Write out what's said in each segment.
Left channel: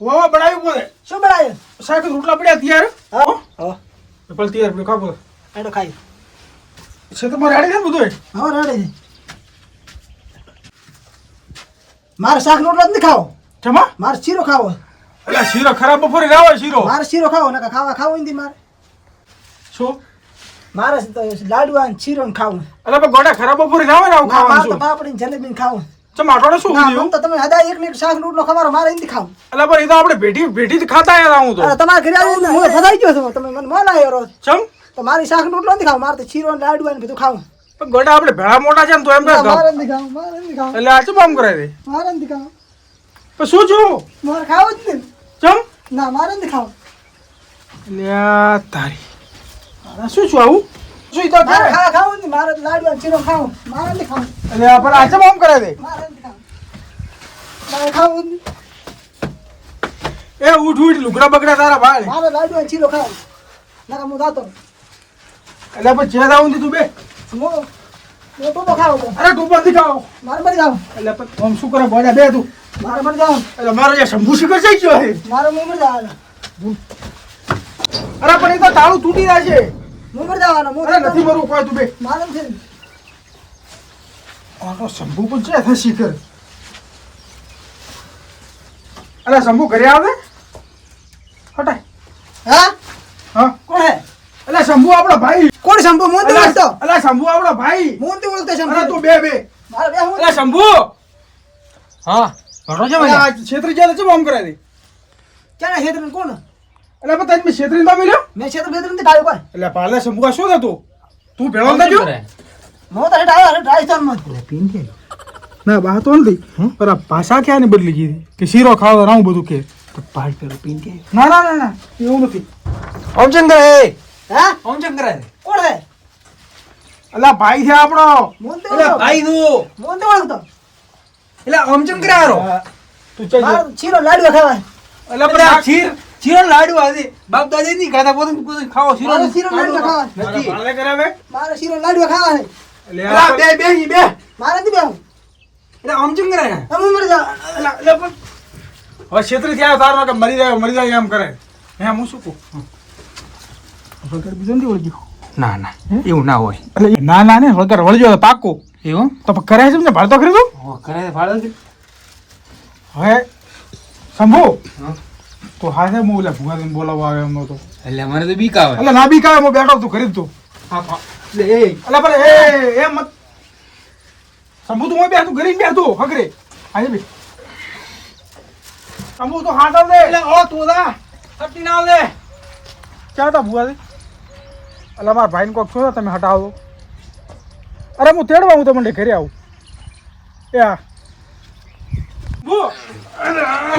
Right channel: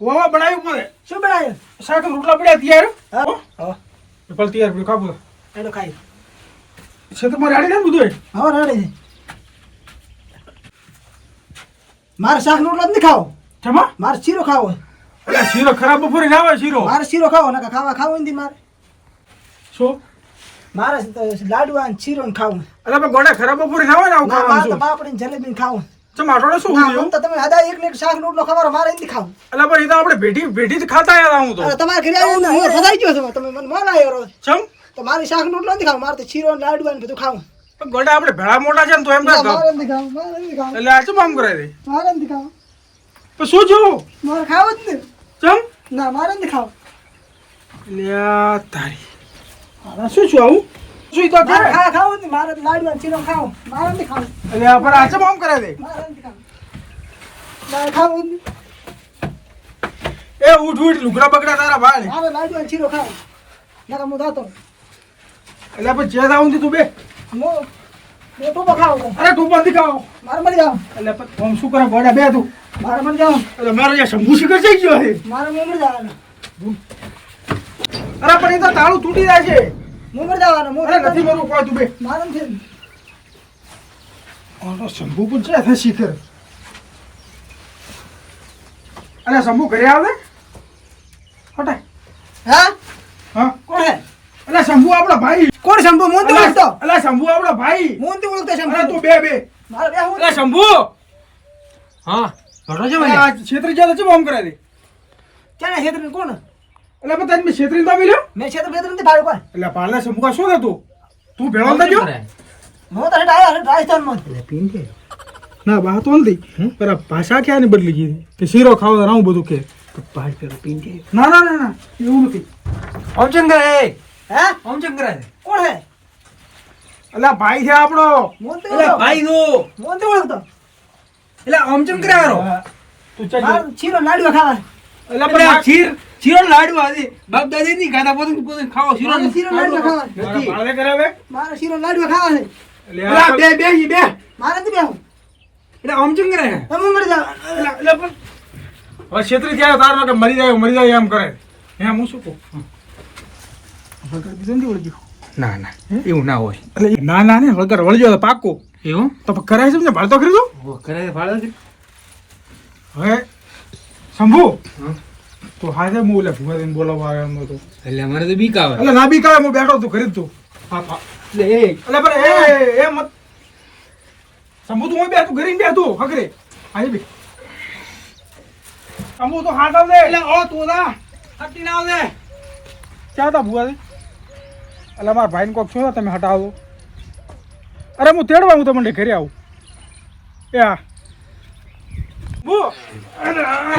વાવા બનાવ્યું પડે. શું બનાવ્યું? શાક રોટલા પડ્યા તૈયાર. હા હા પેલા તૈયાર પડ્યું ખાવું. એનો ખાઈ છે તો મારે હાડી ને બધું. હા રેડી છે. મારે શાક રોટલો જ નહીં ખાવો. જમા મારે શીરો ખાવો. એટલે શીરો ખરાબ બપોરે ના હોય શીરો. મારે શીરો ખાવો ને ખાવો નથી મારે. શું મારે લાડવા ને શીરો ને ખાવું. એટલે પણ ગોડા ખરાબ બપોરે ના હોય ને આવું ના મારે તો ખાવાનું. પાપડી ને જલેબી ને ખાવું. ચમ આટોડે શું ના થયું? મન તો તમે હદા એક ને એક શાક રોટલો ખવારો મારે નથી ખાવું. એટલે પણ એ તો આપણે ભેટી જ ખાતા આયા હું તો. અરે તમારે ઘરે આવીને હું ફસાઈ ગયો છું. તમે મને મન આવ્યો રોજ. ચમ તો મારી શાક રોટલો નથી ખાવું. મારે તો શીરો ને લાડવા ને બધું ખાવું. પણ ગોડા આપણે ભેળા મોટા છે ને તો એમ ના ના મારે નથી ખાવું. મારે નથી ખાવું. એટલે આ ચમ આમ કરાય દે. મારે નથી ખાવું. પણ શું છું મારે ખાવું જ નહીં. ચમ ના મારે નથી ખાવું. લ્યા તારી આ શું છું આવું શું ઈ તો મારે કરે? ખાવું જ નહીં. મારે લાડવા ને શીરો ખાવું. મારે નથી ખાવું. એટલે આ પણ આ ચમ આમ કરાય દે. મારે નથી ખાવું. મારે ખાવું જ નહીં. એ ઉઠ લુગડા બગડા તારા ભાઈ. મારે લાડવા ને શીરો ખાવું. ના હું જાતો. એટલે પણ જે દાવું તું બે. હું ટોપો ખાવું. અરે ટોપા થી ખાઓ. મારે મરી જાવ. એટલે પણ આમ શું કરે બોડા બે તું. મારે મરી જાવ. એટલે મારો જે શંભુ શિખર જઈ ગયો છે. મારે હું મરી જવાનો. અરે પણ એ તો તાળું તૂટી જાય છે. હું મરી જવાનો. હું અરે નથી મરવું કોઈ તું બે. મારે નથી. આનો શંભુ પણ છે છે શિખર. અરે શંભુ ઘરે આવે હટાય. હા હા કોણ હે? એટલે શંભુ આપણો ભાઈ. કોણ શંભુ? હું નથી ઓળખતો. એટલે શંભુ આપણો ભાઈ. હું નથી ઓળખતો અરે શંભુ. તું બે મારે બે હું એટલે શંભુ હા રોજો અરે આ ક્ષેત્ર જ્યાં છે આમ કરાય દે. ક્યાં ક્ષેત્ર કોણ? એટલે પણ તારી મેં ક્ષેત્રી ના મળ્યો. મેં ક્ષેત્ર બેત્ર નથી ભાઈ કોઈ. એટલે પાલા શંભુ આ શું થતું તું ભેળો નતો ગયો. હું તો હેઠ આવ્યો રાજસ્થાનમાં. ના બા તો નથી પર આ ભાષા ક્યાં ને બદલી ગઈ કે શીરો ખાવ આવું બધું કે ના ના ના ના એવું નથી. ઓમચંદ્ર હે હા ઓમચંદ્ર કોણ હે? એટલે ભાઈ છે આપણો. હું નથી એટલે ઓળખતો. ભાઈ નું હું નથી ઓળખતો. એટલે ઓમચંદ્ર હારો તું ચાલ મારે શીરો લાડવા ખાવા. એટલે પણ આ ચીરો લાડુ આજે બાપ દાદી ની ગાતા પોતે પોતે ખાવો શીરો મારે શીરો લાડવા ખાવા. નથી પાલે કરાવે મારે શીરો લાડવા ખાવા છે. એટલે એટલે આ બે બે ઈ બે મારે નથી બેહવું. એટલે ઓમચંદ્ર હે હું મરી જાવ. એટલે પણ હવે ક્ષેત્રી થયા તાર કે મરી જાય એમ કરે હે હું શું કહું બીજું નથી ઓળખ્યું. ના ના એવું ના હોય એટલે ના ના ને વગર વળજો પાકું એવું તો પણ કરે છે ને ભાડતો કરી દઉં ઓ કરે ફાળો છે હવે શંભુ હા. તો હાથે હું ઓલા ભુવાજીને બોલાવવા આવ્યો એમ નહોતું. એટલે અમારે તો બીક આવે એટલે ના બી કાંઈ હું બેઠો તું ખરીદ તું એટલે એ એટલે પણ એ મત શંભુ તું હું બેઠું ઘરે બેઠું હગરે અહીં બે શંભુ તો હાથ આવ દે એટલે ઓ તું દા સતી ના આવ દે ક્યાં હતા ભુવાજી એટલે મારા ભાઈને કોક છો તમે હટાવો અરે હું તેડવા હું તમને ઘરે આવું એ હા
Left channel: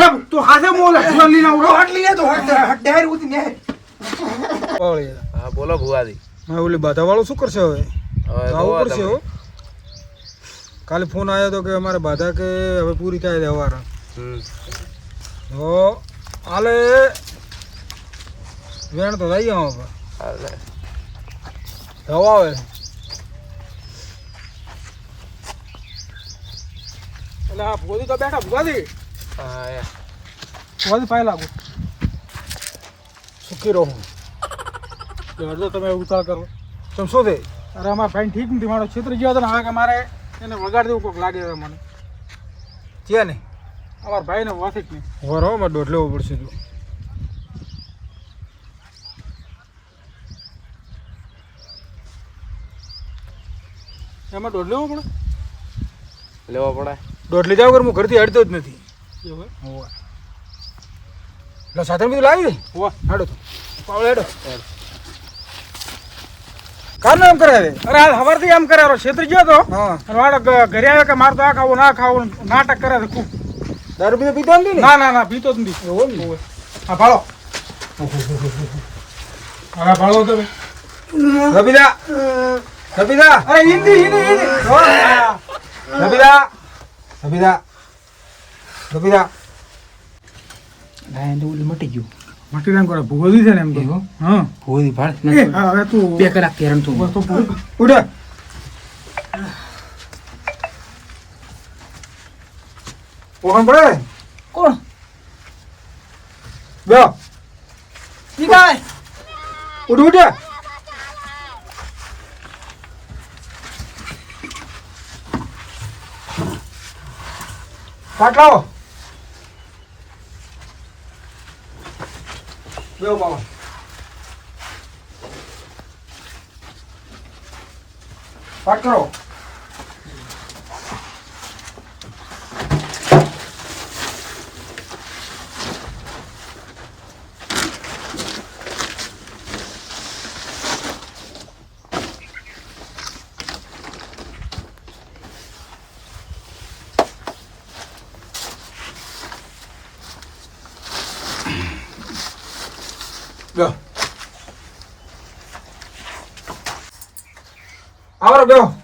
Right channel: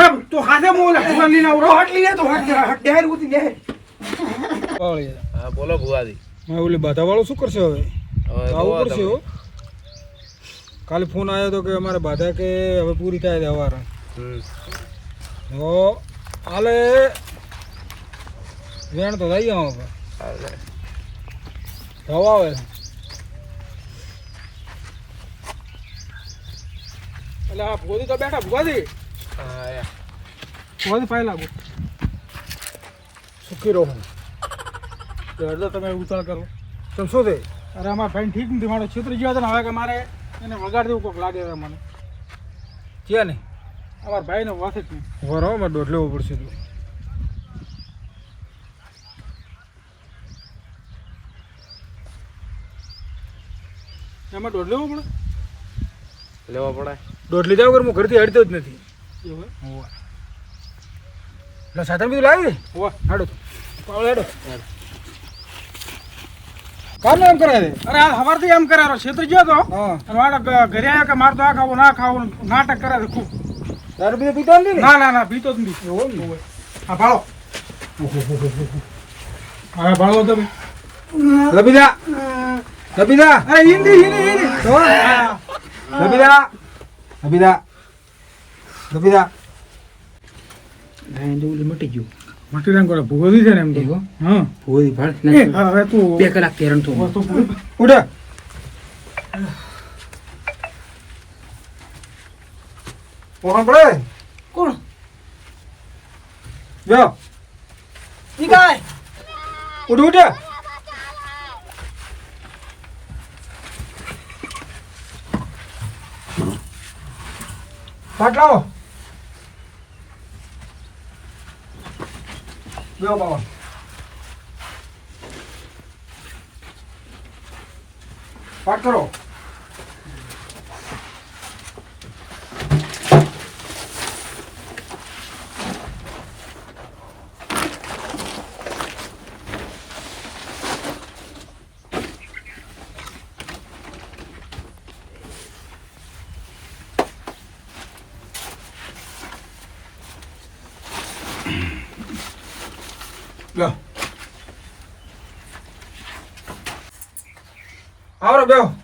અરે તું હાથે મોલા ભુવાને લઈને આવું હાથ લઈને તો હાથ ડેર ઉતી ને હા બોલો ભુવાજી હા ઓલી બાધા વાળું શું કરશે હવે આવું પડશે હો કાલે ફોન આવ્યો તો કે અમારે બાધા કે હવે પૂરી થાય છે હવારે તો હાલે વેણ તો થઈ ગયો હવે દવા આવે એટલે આ ભોજી તો બેઠા ભુવાજી ભુવાજી પાય લાગુ સુખી રહો અડધો તમે ઉતાર કરો તો શું છે અરે અમારા ફ્રેન્ડ ઠીક નથી મારો ક્ષેત્ર જ્યાં હતો ને હવે કે મારે એને વગાડ દેવું કોઈક લાગે છે મને છે ને અમારા ભાઈને વાથી જ નહીં વરો મારે દોઢ લેવો પડશે તું એમાં દોઢ લેવો પડે લેવો પડે દોઢ લીધા વગર હું ઘરથી હડતો જ નથી એવું હોવા એટલે સાધન બધું લાવી દે હોવા હેડો તો પાવડે હેડો કારનો એમ કરાવે અરે સવારથી એમ કરાવો ક્ષેત્ર ગયો તો હા વાળો ઘરે આવ્યો કે મારે તો આ ખાવું ના ખાવું નાટક કરાવે ખૂબ દારૂ બીજો પીતો નથી ને ના ના ના પીતો જ નથી એવો ને હા ભાળો હા ભાળો તમે રબીદા રબીદા અરે હિન્દી હિન્દી રબીદા રબીદા રબીદા ભાઈ દોલી મટી ગયું મટી રંગ કરે ભૂગોળી છે ને એમ તો હા ભોરી ભાળ હવે તું 2 કલાક કેરણ તું વસ્તુ ઉડે ઓહન પડે કોણ? જો ઈ કાંઈ. ઉઠ ઉઠ પાટ લાવો જો બાબા પાટ કરો Go. Ahora go.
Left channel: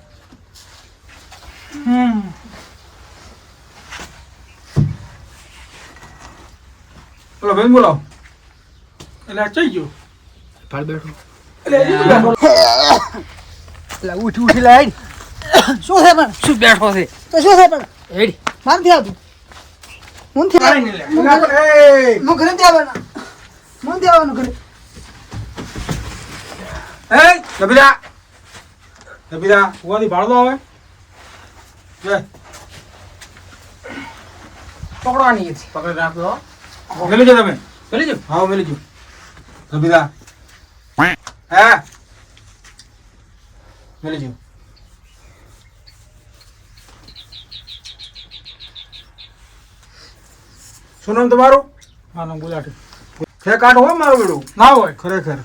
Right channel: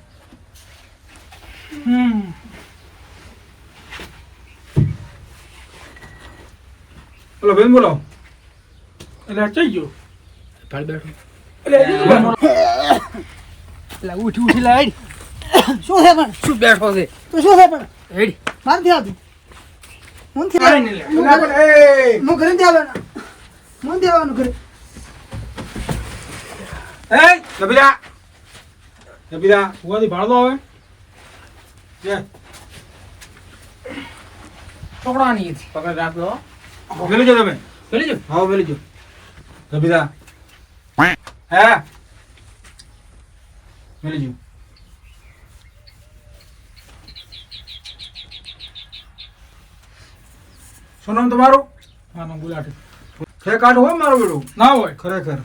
બોલો બેન બોલો એટલે ચઈ ગયો ભાડ બેઠો એટલે એટલે ઉઠી લાઈ શું છે પણ? શું બેઠો છે તો શું છે પણ? એડી માર નથી આવતું. હું નથી કાંઈ નહીં લે. ના પણ એ હું ઘરે નથી આવવાના. હું નથી આવવાનું ઘરે. એ નબીરા નબીરા સુવાથી ભાડો આવે લે પકડવાની હતી પકડ રાખો મેલી જો તમે બોલી જો હા મેલી જો નબીરા હે મેલી જો શું નામ તમારું મારું નામ ગુલાટી છે કાઢ હોય મારું બેડું ના હોય ખરેખર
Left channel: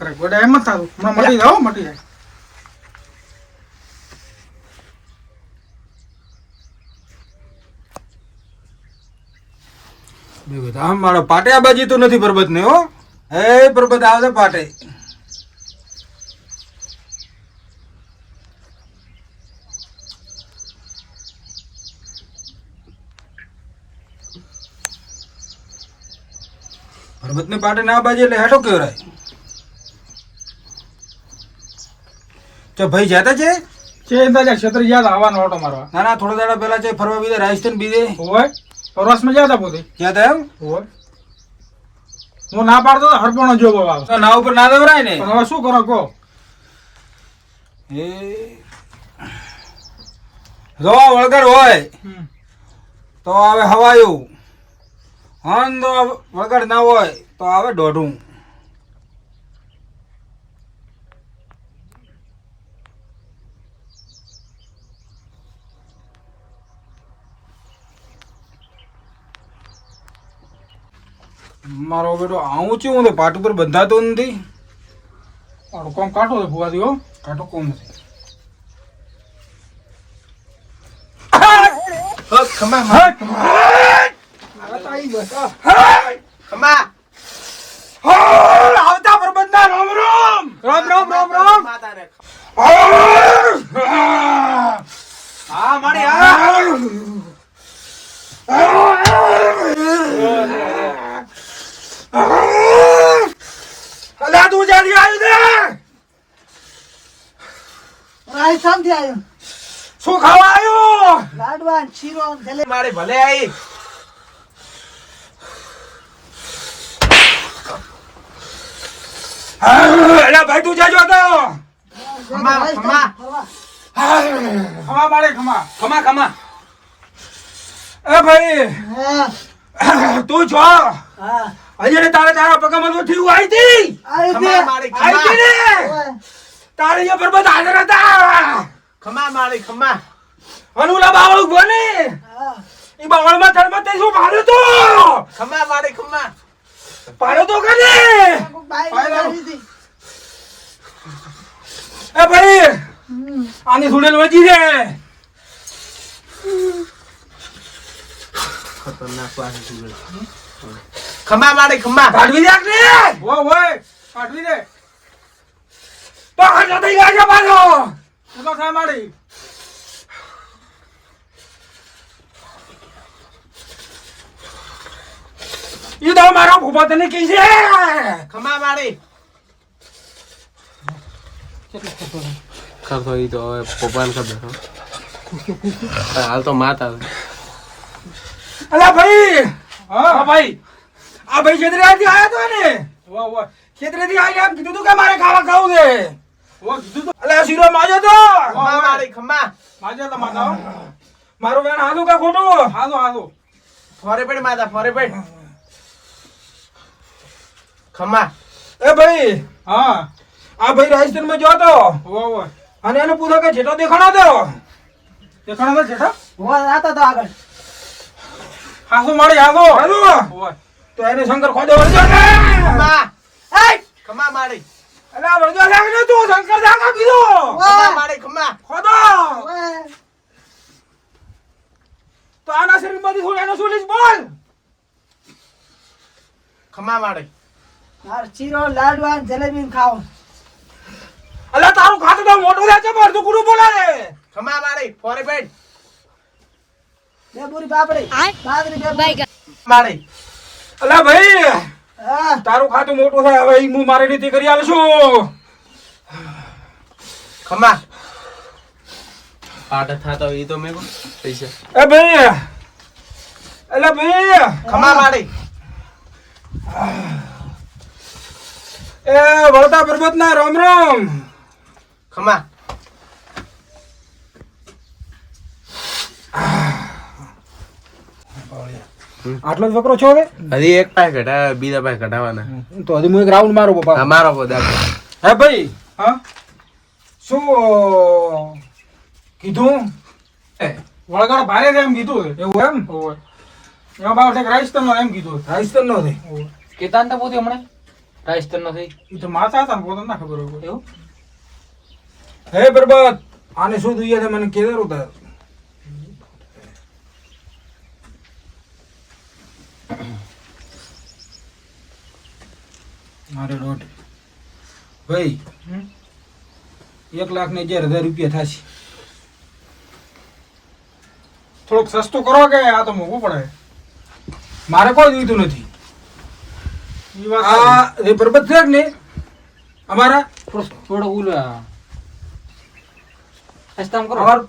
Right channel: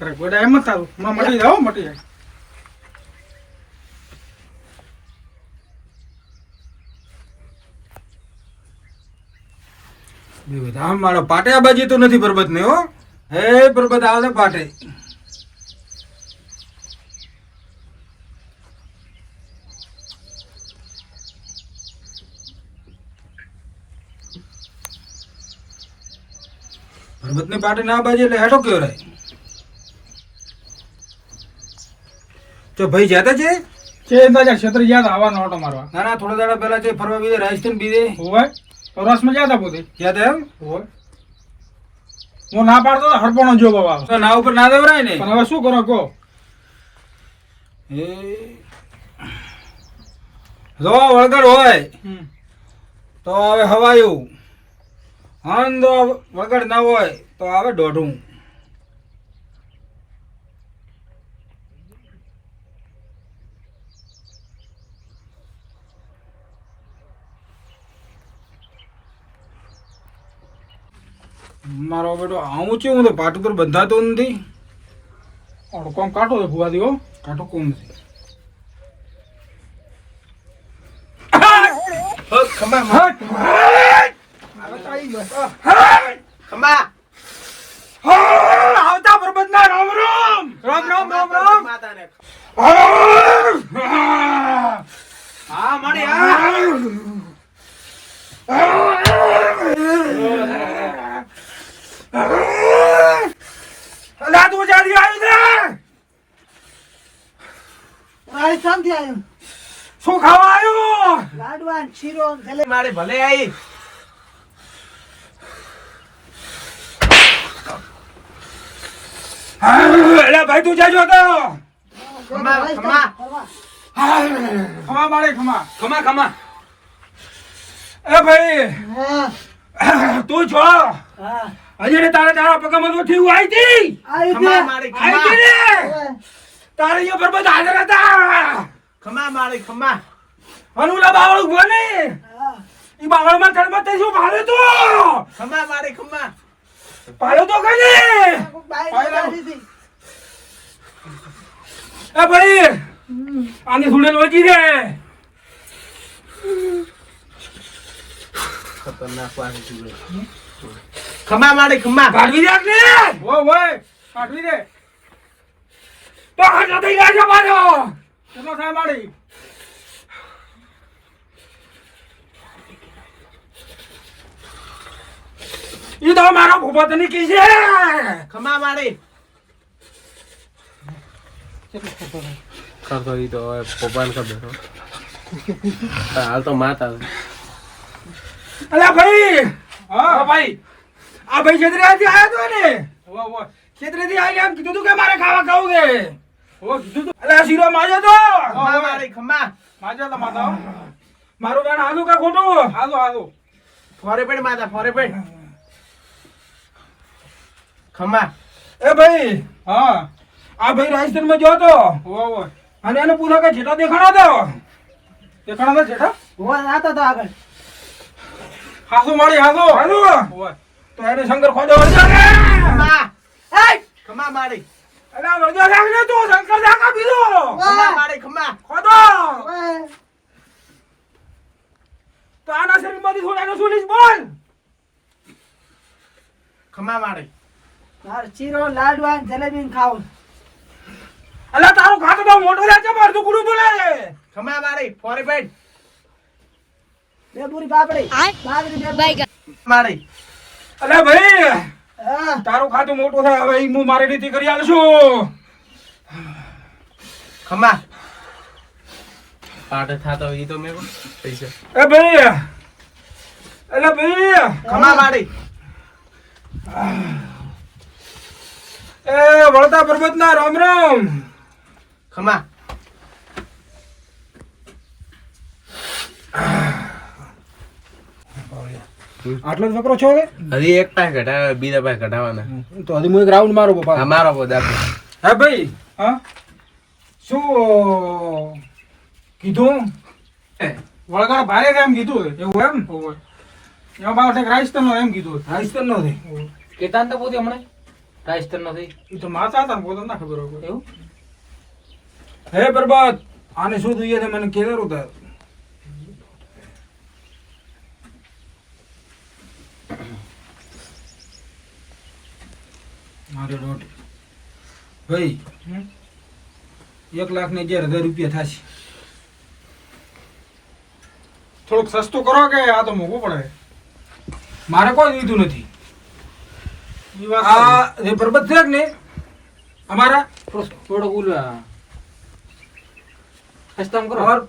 અરે ગોડા એમ જ થાતું હમણાં મટી જાઓ મટી જાય બે બધા મારા પાટે આ બાજી તો નથી પરબત ને હો હે પરબત આવશે પાટે પરબત ને પાટે ના બાજે એટલે હેઠો કેવરાય તો ભાઈ જતા છે ક્ષેત્ર ગયા હતા આવવાનો ઓટો મારવા ના ના થોડા દાડા પહેલા છે ફરવા બીજે રાજસ્થાન બીજે હોય પ્રવાસમાં ગયા હતા પોતે ક્યાં હતા એમ હોય હું ના પાડતો તો હરપણો જો બાબા તો ના ઉપર ના દેવરાય ને પણ હવે શું કરો કહો એ જો વળગડ હોય તો આવે હવાયું હન તો વળગડ ના હોય તો આવે દોઢું મારો બેટો આવું છું હું તો પાટ ઉપર બંધાતો નથી આટો કોમ કાઢો છે ભૂવા દીવો કાંટો કોમ નથી ખમા આવતા પ્રબંધના રામ રામ રામ રામ રામ રામ માતાને હા મારી હા અલા તું જારી આવ્યું છે રાજસ્થાનથી આવ્યો. શું ખાવા આવ્યું લાડવા ને શીરો ને જલેબી. મારે ભલે આવી અલા ભાઈ તું જાજો તો ખમા ખમા ખમા મારે ખમા ખમા ખમા એ ભાઈ હા તું છો હા અહીંયા તારે તારા પગમાં તો થયું આવી હતી આવી ખમા હતી. મારી આવી ખમા હતી ને ઓય. તારે અહીંયા પર બધા હાજર હતા ખમા મારી ખમા અનુલા બાવળ બોને હા એ બાવળમાં થળમાં તે શું પાડ્યો તો ખમા મારી ખમા પાડ્યો તો કને કોક બાઈ આવી હતી. એ ભાઈ આની સુડેલ વજી છે ખતરનાક વાળી છે ખમા મારી ખમા કાઢવી રાખ ને હોય હોય કાઢવી દે તો ખાટો થઈ ગયા છે મારો કેટલો ખાય મારી એ તો મારા ભૂપા તને કી છે ખમા મારી કેટલો ખર્ચો થાય ખર્ચો ઈ તો હવે પપ્પાને ખબર હો. હાલ તો માતા અલ્યા ભાઈ હા ભાઈ આ ભાઈ છેતરેથી આયા તો ને વાહ વાહ છેતરેથી આવીને એમ કીધું તું કે મારે ખાવા ખાવું છે વાહ કીધું તો અલ્યા શીરો માજો તો ખમા મારી ખમા માજા તા માતા મારું વેણ હાલું કે ખોટું હાલો હાલો ફોરે પેડ માતા ફોરે પેડ ખમા એ ભાઈ હા આ ભાઈ રાજસ્થાનમાં ગયો તો વાહ વાહ અને એને પૂછો કે જેઠા દેખાણો તો તે કણા જેઠા હોવા આતો તો આગળ હાસો મારી હાસો હાલો વાહ તો એને શંકર ખોદે વળગ્યો કે ખમા એય ખમા મારી અલ્યા વળગ્યો લાગ ને તું શંકર જાગ આપી દો ખમા મારી ખમા ખોદો ઓય તો આના શરીરમાંથી થોડાનો સુલીસ બોલ ખમા મારી માર ચીરો લાડવા ને જલેબી ને ખાવું અલ્યા તારું ખાતું તો મોટું થાય છે પણ તું કુરું બોલે ખમા મારી ફોરે પેડ બે પૂરી પાપડી બાજરી બે પૂરી. મારી અલ્યા ભાઈ હા તારું ખાતું મોટું થાય હવે ઈ હું મારી રીતે કરી આલશું ખમા પાટે થાતો ઈ તો મેકો પૈસા એ ભાઈ અલ્યા ભાઈ ખમા મારી એ વળતા પર્વતના રામ રામ ખમા આટલો જ વકરો છો હવે હજી એક પાસે ઘટાડે બીજા પાસે ઘટાડવાના તો હજી હું એક રાઉન્ડ મારો પપ્પા હા મારો પદ આપો હે ભાઈ હા શું કીધું વળગાડ ભારે છે એમ કીધું એવું એમ ઓય એમાં બાર ઠેક રાજસ્થાનનો એમ કીધું રાજસ્થાન નો છે કેતાન તો પોતે હમણે રાજસ્થાન નો થઈ એ તો માતા હતા ને પોતે ના ખબર હોય એવું હે પર્વત આને શું જોઈએ છે મને કેદાર ઉતાર મારે દોઢ ભાઈ 1,11,000 રૂપિયા થશે થોડુંક સસ્તું કરો કે આ તો મોંઘું પડે મારે કોઈ જોઈતું નથી ઈ વાત આ જે પર્વત છે કે ને અમારા થોડું ઓલું સસ્તામાં કરો और